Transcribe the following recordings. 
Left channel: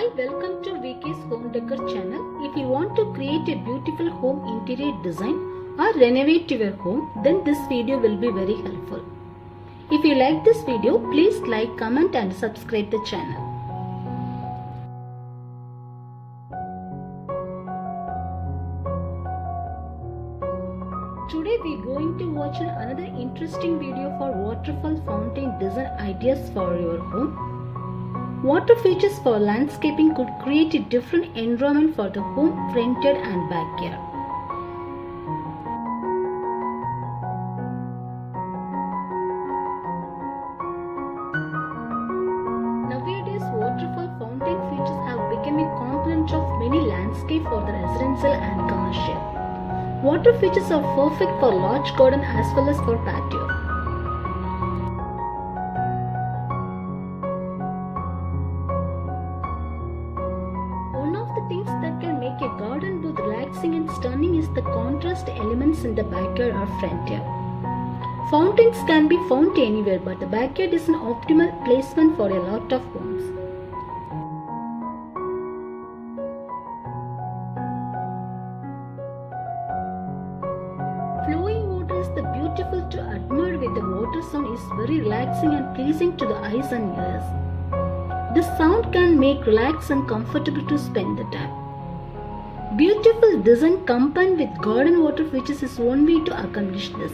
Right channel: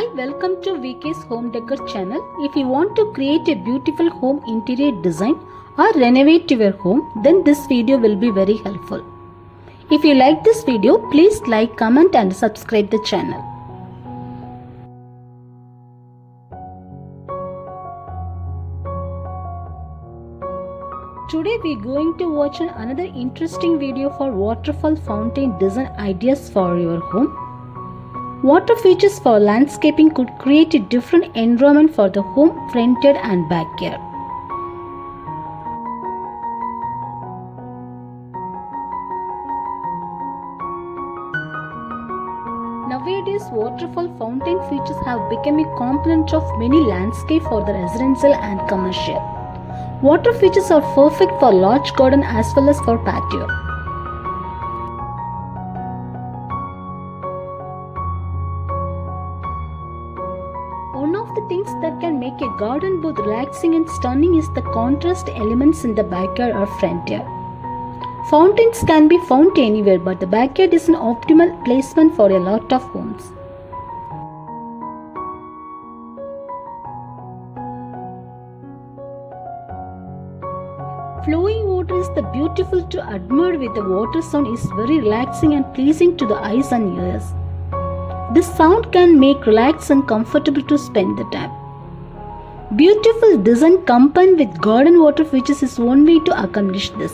Hi, welcome to VK's Home Decor channel. If you want to create a beautiful home interior design or renovate your home, then this video will be very helpful. If you like this video, please like, comment and subscribe the channel. Today we are going to watch another interesting video for waterfall fountain design ideas for your home. Water features for landscaping could create a different environment for the home, front yard and backyard. Nowadays, waterfall fountain features have become a component of many landscapes for the residential and commercial. Water features are perfect for large garden as well as for patio. One of the things that can make a garden both relaxing and stunning is the contrast elements in the backyard or front yard. Fountains can be found anywhere, but the backyard is an optimal placement for a lot of homes. Flowing water is the beautiful to admire with the water sound is very relaxing and pleasing to the eyes and ears. This sound can make relaxed and comfortable to spend the time. Beautiful design combined with garden water features is one way to accomplish this.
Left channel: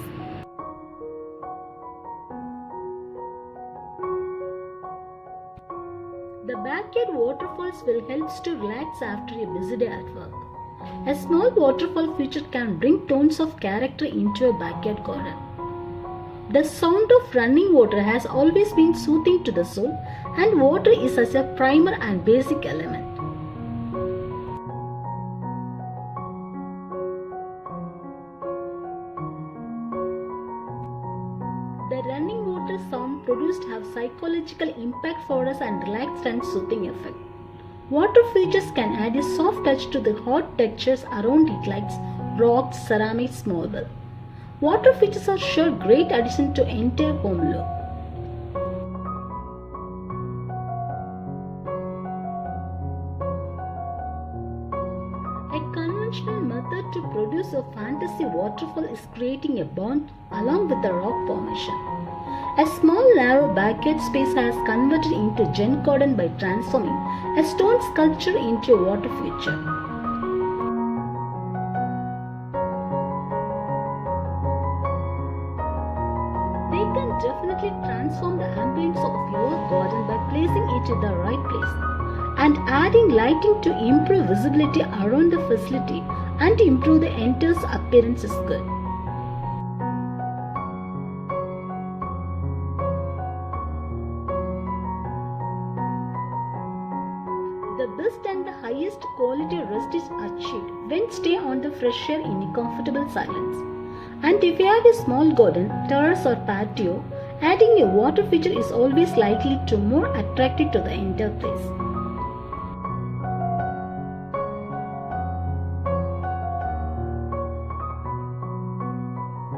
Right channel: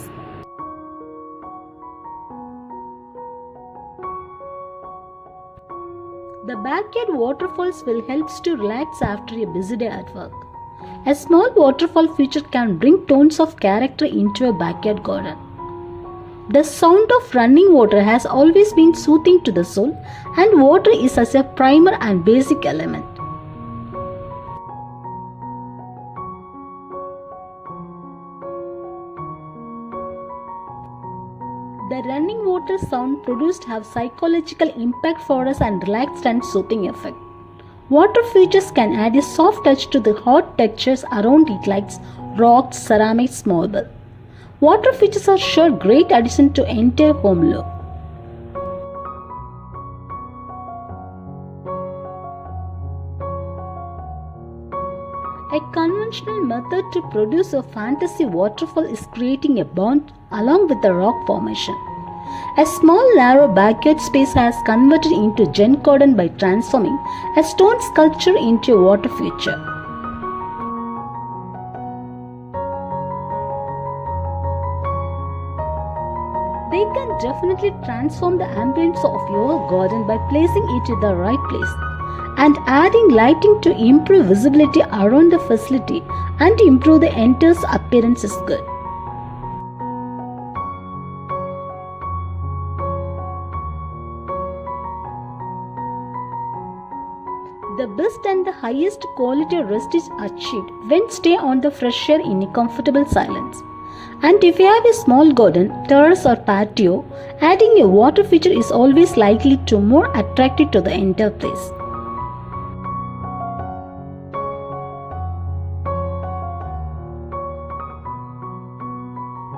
The backyard waterfalls will help to relax after a busy day at work. A small waterfall feature can bring tones of character into a backyard garden. The sound of running water has always been soothing to the soul, and water is as a primer and basic element. The running water sound produced have psychological impact for us and relaxed and soothing effect. Water features can add a soft touch to the hard textures around it like rocks, ceramics, marble. Water features are sure great addition to entire home look. A conventional method to produce a fantasy waterfall is creating a pond along with the rock formation. A small narrow backyard space has converted into Zen garden by transforming a stone sculpture into a water feature. They can definitely transform the ambience of your garden by placing it in the right place and adding lighting to improve visibility around the facility and improve the entire appearance is good. The best and the highest quality rest is achieved when stay on the fresh air in a comfortable silence. And if you have a small garden, terrace or patio, adding a water feature is always likely to more attractive to the entire place.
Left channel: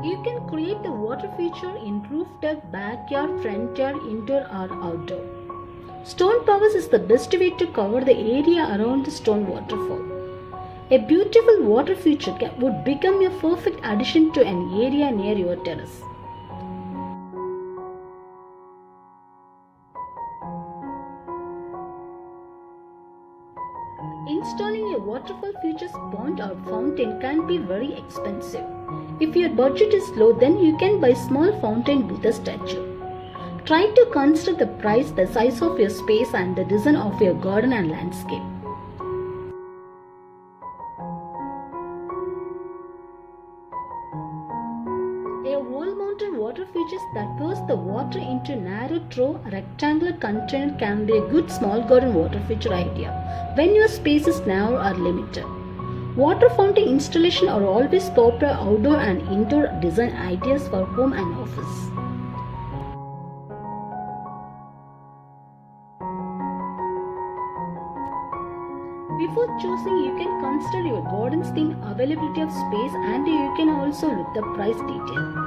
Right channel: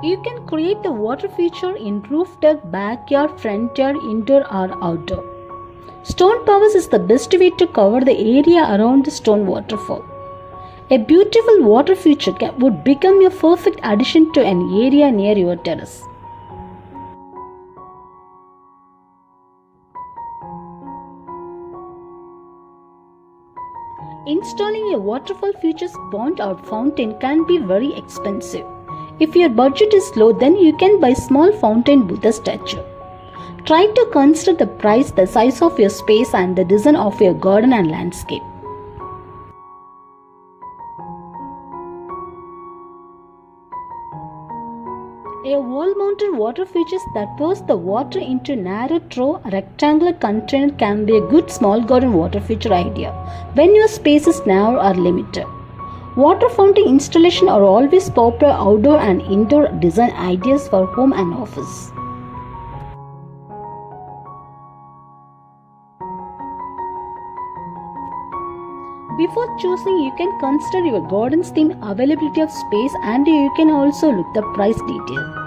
You can create the water feature in rooftop, backyard, front yard, indoor or outdoor. Stone towers is the best way to cover the area around the stone waterfall. A beautiful water feature would become a perfect addition to an area near your terrace. Installing a waterfall features pond or fountain can be very expensive. If your budget is low, then you can buy small fountain with a statue. Try to consider the price, the size of your space and the design of your garden and landscape. A wall-mounted water feature that pours the water into narrow trough rectangular container can be a good small garden water feature idea when your space is narrow or limited. Water fountain installation are always popular outdoor and indoor design ideas for home and office. Before choosing, you can consider your garden's theme, availability of space, and you can also look the price detail.